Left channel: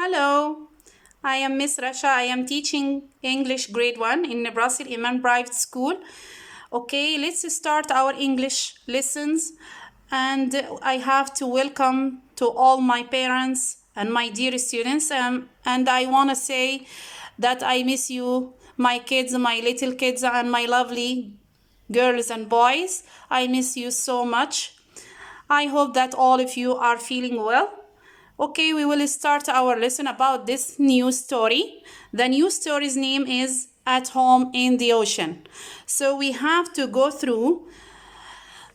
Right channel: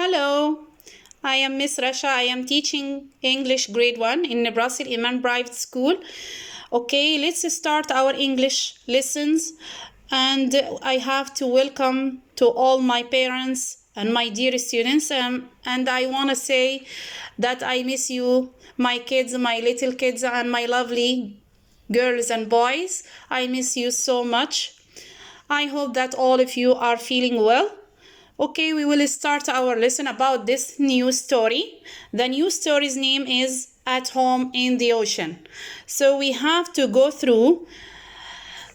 Hello, I am Miss Rasha. I am teaching English grade 1 in Nebraska Iman Private School. Okay, let's start our English lessons. And I have to welcome to all my parents and my dear students. And I want to say that I miss you, my kids, my little kids, and my lovely girls and boys. I miss you so much. I hope that all of you are feeling well. Okay, we will start our lesson about this new story. The new story's name is At Home in the Ocean. So we have to go through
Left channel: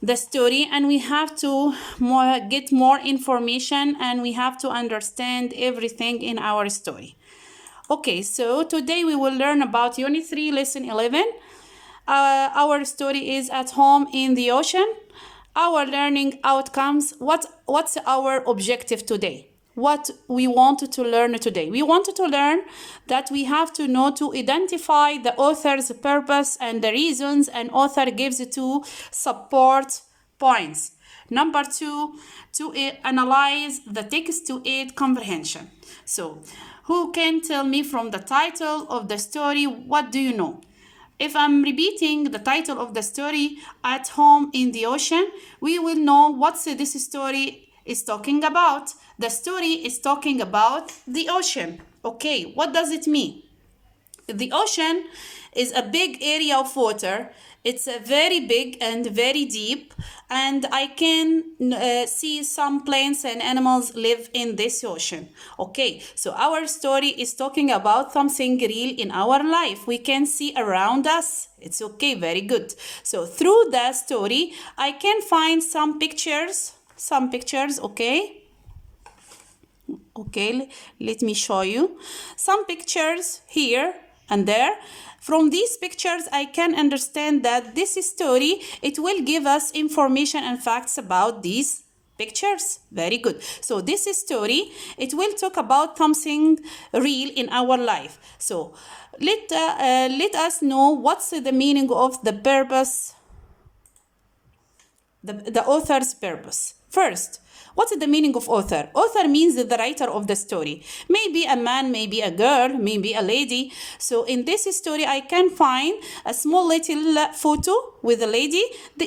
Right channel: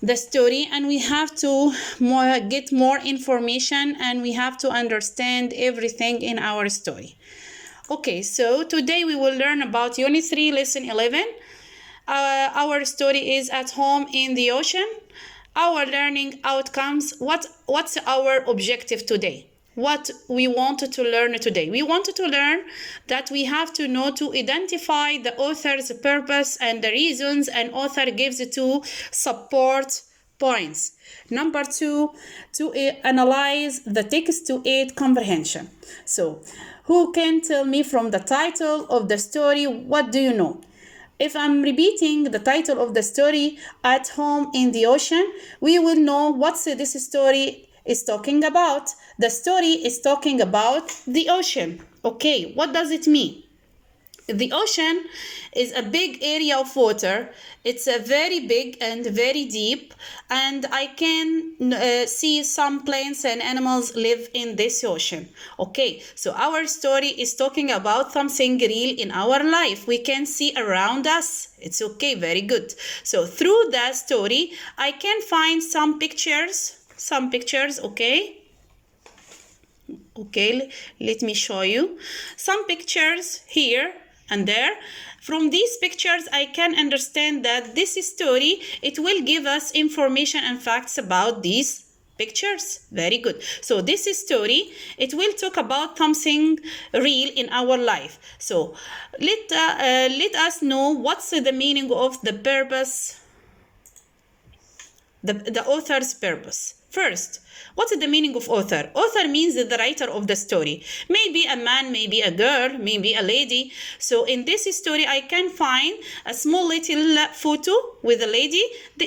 the story and we have to get more information and we have to understand everything in our story. Okay, so today we will learn about Unit 3, Lesson 11. Our story is At Home in the Ocean. Our learning outcomes. What's our objective today? What we wanted to learn today? We wanted to learn that we have to know to identify the author's purpose and the reasons an author gives to support points. Number 2, to analyze the text to aid comprehension. So, who can tell me from the title of the story, what do you know? If I'm repeating the title of the story, At Home in the Ocean, we will know what this story is talking about. The story is talking about the ocean. Okay, what does it mean? The ocean is a big area of water. It's a very big and very deep, and I can see some plants and animals live in this ocean. Okay, so our story is talking about something real in our life. We can see around us. It's okay, very good. So through the story, I can find some pictures, okay? Okay, let me show you some pictures here and there. From these pictures, I can understand that this story, it will give us information and facts about these pictures. Very good. So this story, it will talk about something real in our life. So let us know what's the meaning of the purpose, the author's purpose. First, what's the meaning of author? Author means the writer of the story. Maybe a man, maybe a girl, maybe a lady. So in this story, I can find a small little photo with a lady.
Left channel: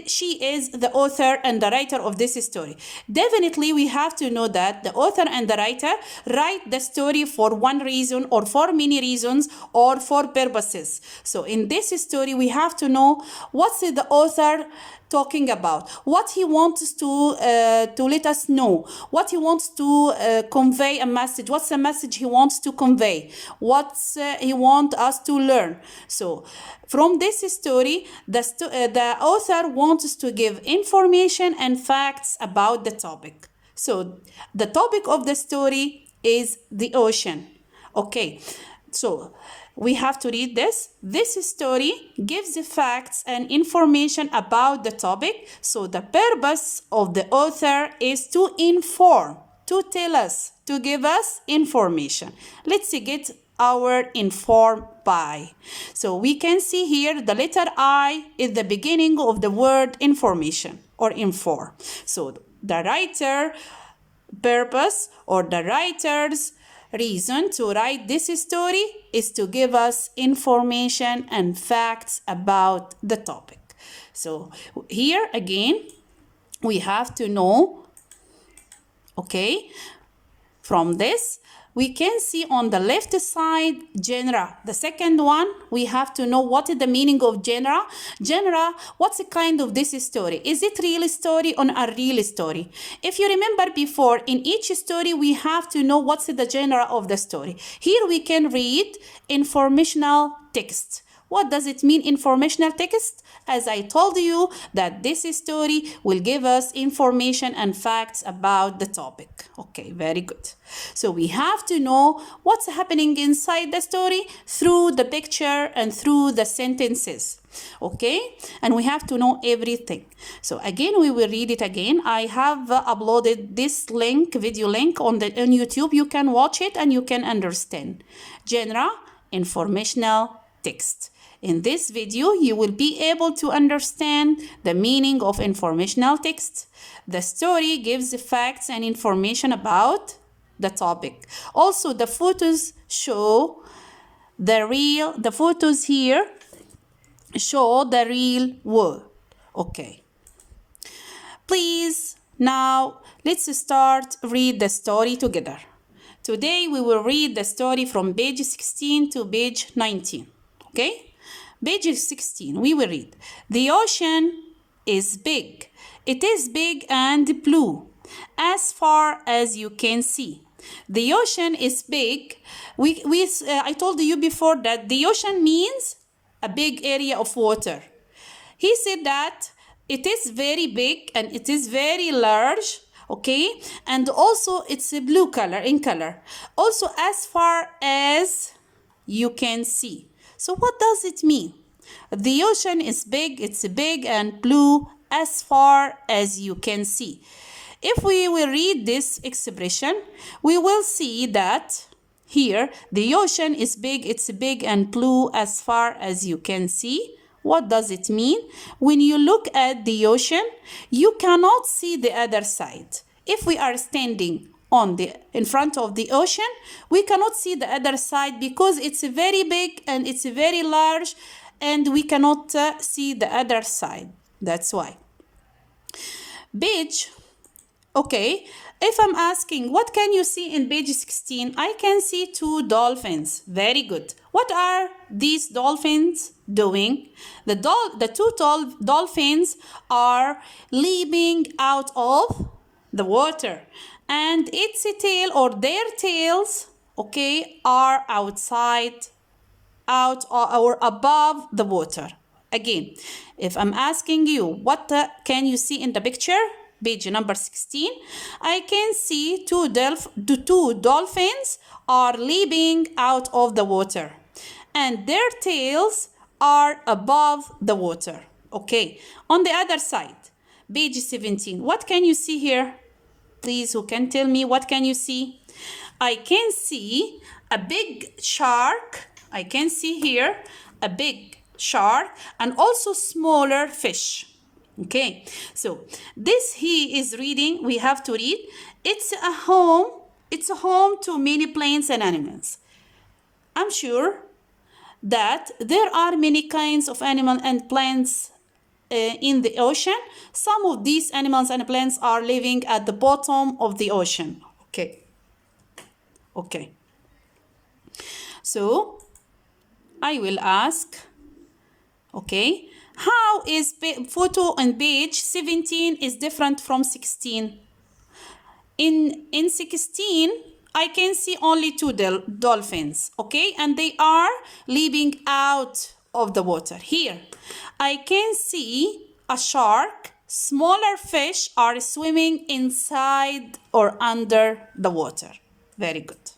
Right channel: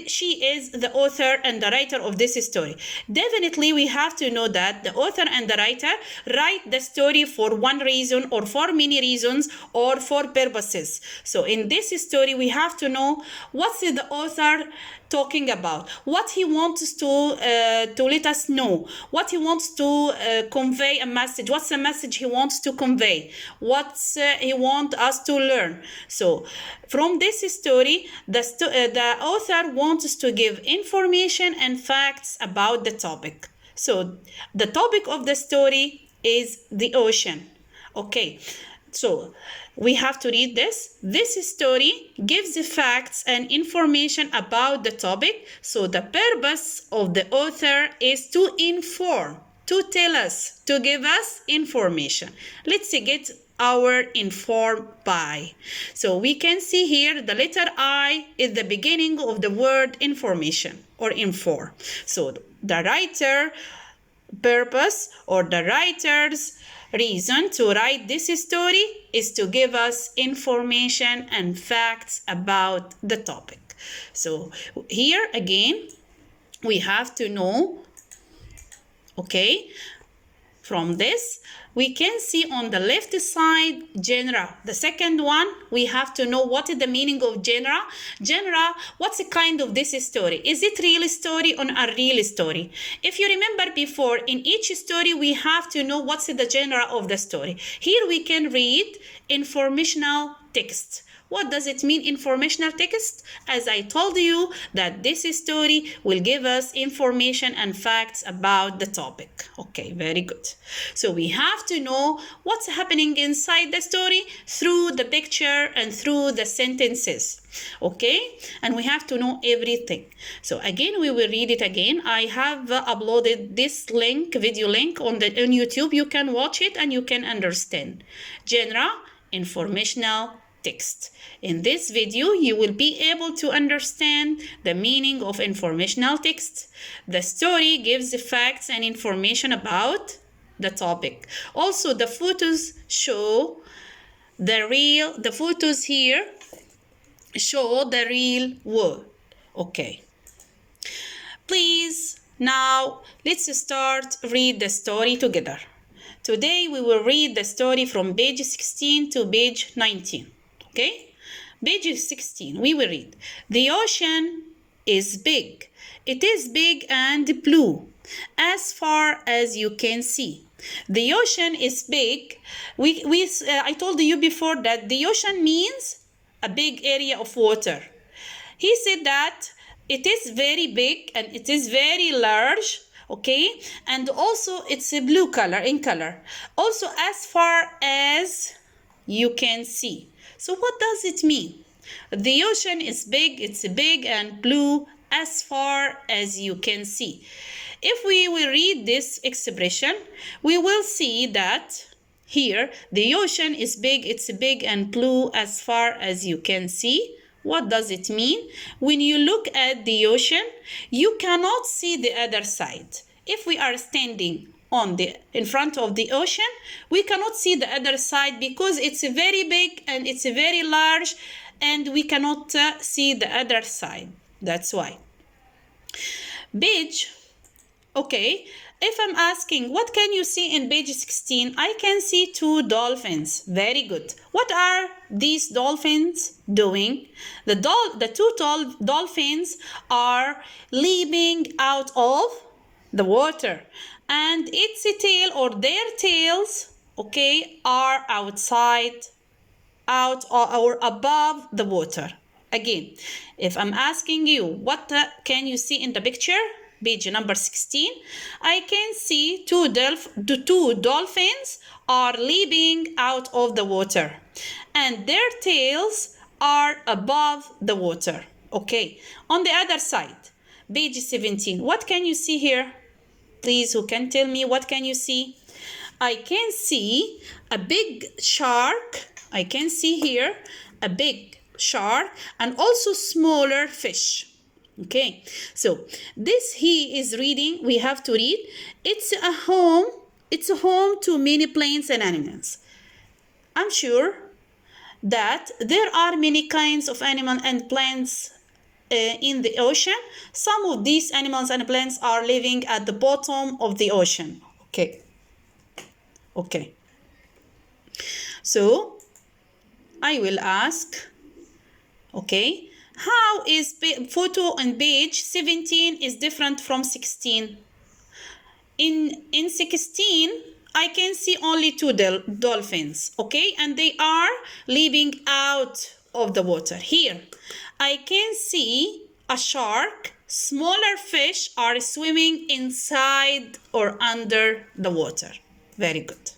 She is the author and the writer of this story. Definitely, we have to know that the author and the writer write the story for one reason or for many reasons or for purposes. So in this story, we have to know what's the author talking about, what he wants to let us know, what he wants to convey a message, what's the message he wants to convey, what he wants us to learn. So from this story, the author wants to give information and facts about the topic. So the topic of the story is the ocean. Okay, so we have to read this. This story gives the facts and information about the topic. So the purpose of the author is to inform, to tell us, to give us information. Let's get our informed by. So we can see here the letter I is the beginning of the word information or inform. So the writer purpose or the writer's reason to write this story is to give us information and facts about the topic. So here again, we have to know, okay, from this, we can see on the left side, genre. The second one, we have to know what is the meaning of genre. Genre, what's the kind of this story? Is it real story or a real story? If you remember before, in each story, we have to know what's the genre of the story. Here we can read informational text. What does it mean, informational text? As I told you, that this story will give us information and facts about the topic. Okay, very good. So we have to know what's happening inside the story through the picture and through the sentences. Okay, and we have to know everything. So again, we will read it again. I have uploaded this link, video link on YouTube. You can watch it and you can understand. Genre, informational text. In this video, you will be able to understand the meaning of informational text. The story gives the facts and information about the topic. Also, the photos show the photos here show the real world. Okay. Please, now let's start read the story together. Today we will read the story from page 16 to page 19. Okay? Page 16, we will read. The ocean is big. It is big and blue, as far as you can see. The ocean is big. I told you before that the ocean means a big area of water. He said that it is very big and it is very large, okay? And also it's a blue color in color. Also as far as you can see. So what does it mean? The ocean is big, it's big and blue as far as you can see. If we will read this expression, we will see that here the ocean is big, it's big and blue as far as you can see. What does it mean? When you look at the ocean, you cannot see the other side. If we are standing in front of the ocean, we cannot see the other side because it's very big and it's very large and we cannot see the other side. That's why. Page, okay, if I'm asking, what can you see in page 16? I can see two dolphins. Very good. What are these dolphins doing? The two dolphins are leaping out of the water. And its tail or their tails, okay, are outside, out or above the water. Again, if I'm asking you, what can you see in the picture? Page number 16, I can see the two dolphins are leaping out of the water and their tails are above the water. Okay, on the other side, page 17, what can you see here? Please, who can tell me what can you see? I can see a big shark. I can see here a big shark and also smaller fish. Okay, so this he is reading, we have to read. It's a home to many plants and animals. I'm sure that there are many kinds of animals and plants in the ocean. Some of these animals and plants are living at the bottom of the ocean. Okay. So I will ask, okay, how is photo on page 17 is different from 16? In 16, I can see only two dolphins, okay? And they are leaping out of the water. Here, I can see a shark. Smaller fish are swimming inside or under the water. Very good.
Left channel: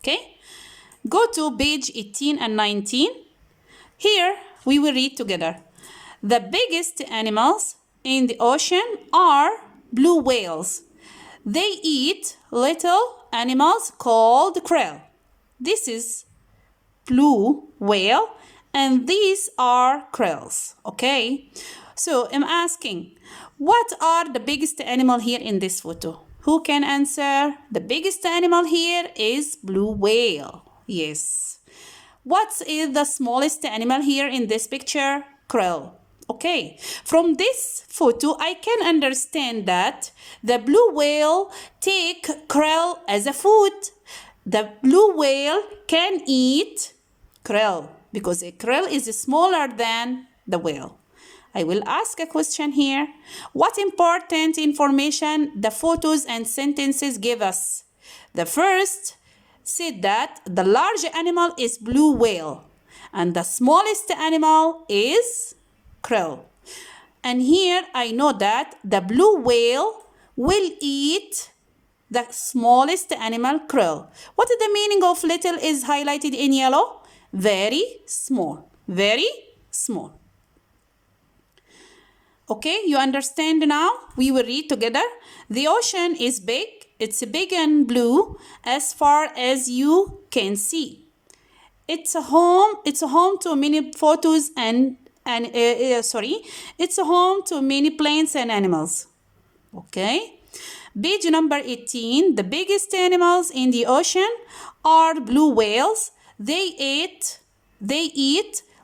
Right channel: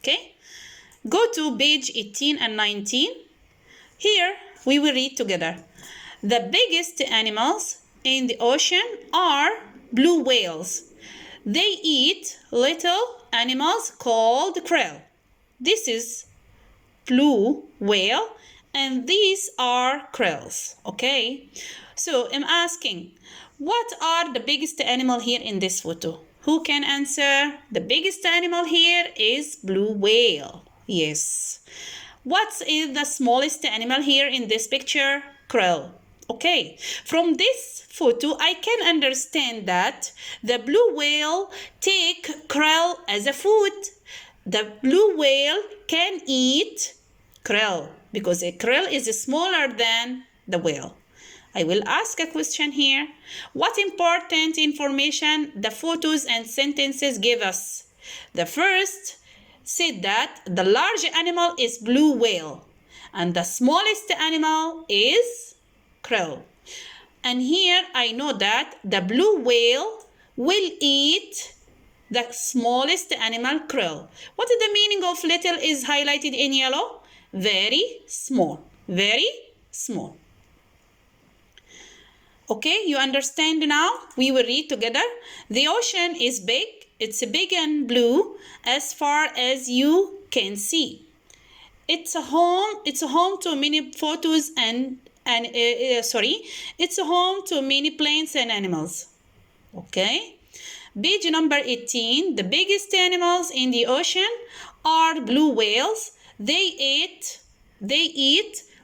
Okay? Go to page 18 and 19. Here, we will read together. The biggest animals in the ocean are blue whales. They eat little animals called krill. This is blue whale and these are krills. Okay, so I'm asking, what are the biggest animal here in this photo? Who can answer? The biggest animal here is blue whale. Yes. What is the smallest animal here in this picture? Krill. Okay, from this photo, I can understand that the blue whale take krill as a food. The blue whale can eat krill because a krill is smaller than the whale. I will ask a question here. What important information the photos and sentences give us? The first said that the large animal is blue whale and the smallest animal is krill. And here I know that the blue whale will eat the smallest animal, krill. What is the meaning of little is highlighted in yellow? Very small. Very small. Okay, you understand now? We will read together. The ocean is big. It's big and blue as far as you can see. It's a home to many photos it's a home to many plants and animals. Okay. Page number 18. The biggest animals in the ocean are blue whales. They eat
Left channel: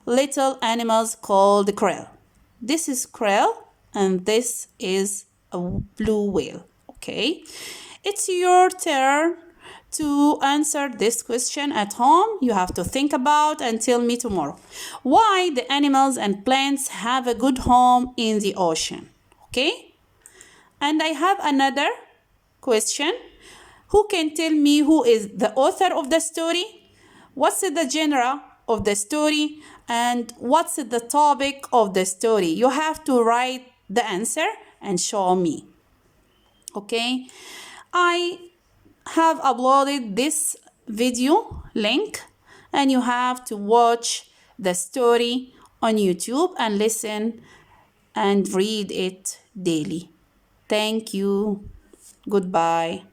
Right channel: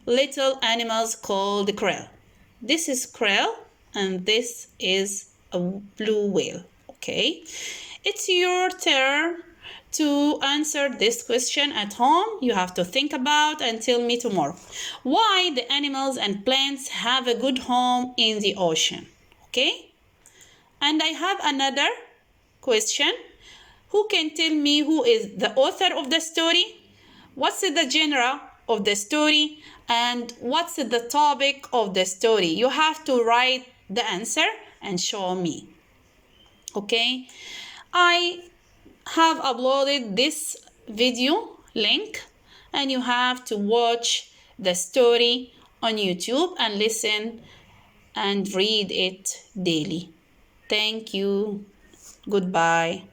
little animals called krill. This is krill and this is a blue whale. Okay, it's your turn to answer this question at home. You have to think about and tell me tomorrow why the animals and plants have a good home in the ocean. Okay, and I have another question. Who can tell me who is the author of the story? What's the genre of the story? And what's the topic of the story? You have to write the answer and show me. Okay, I have uploaded this video link and you have to watch the story on YouTube and listen and read it daily. Thank you. Goodbye.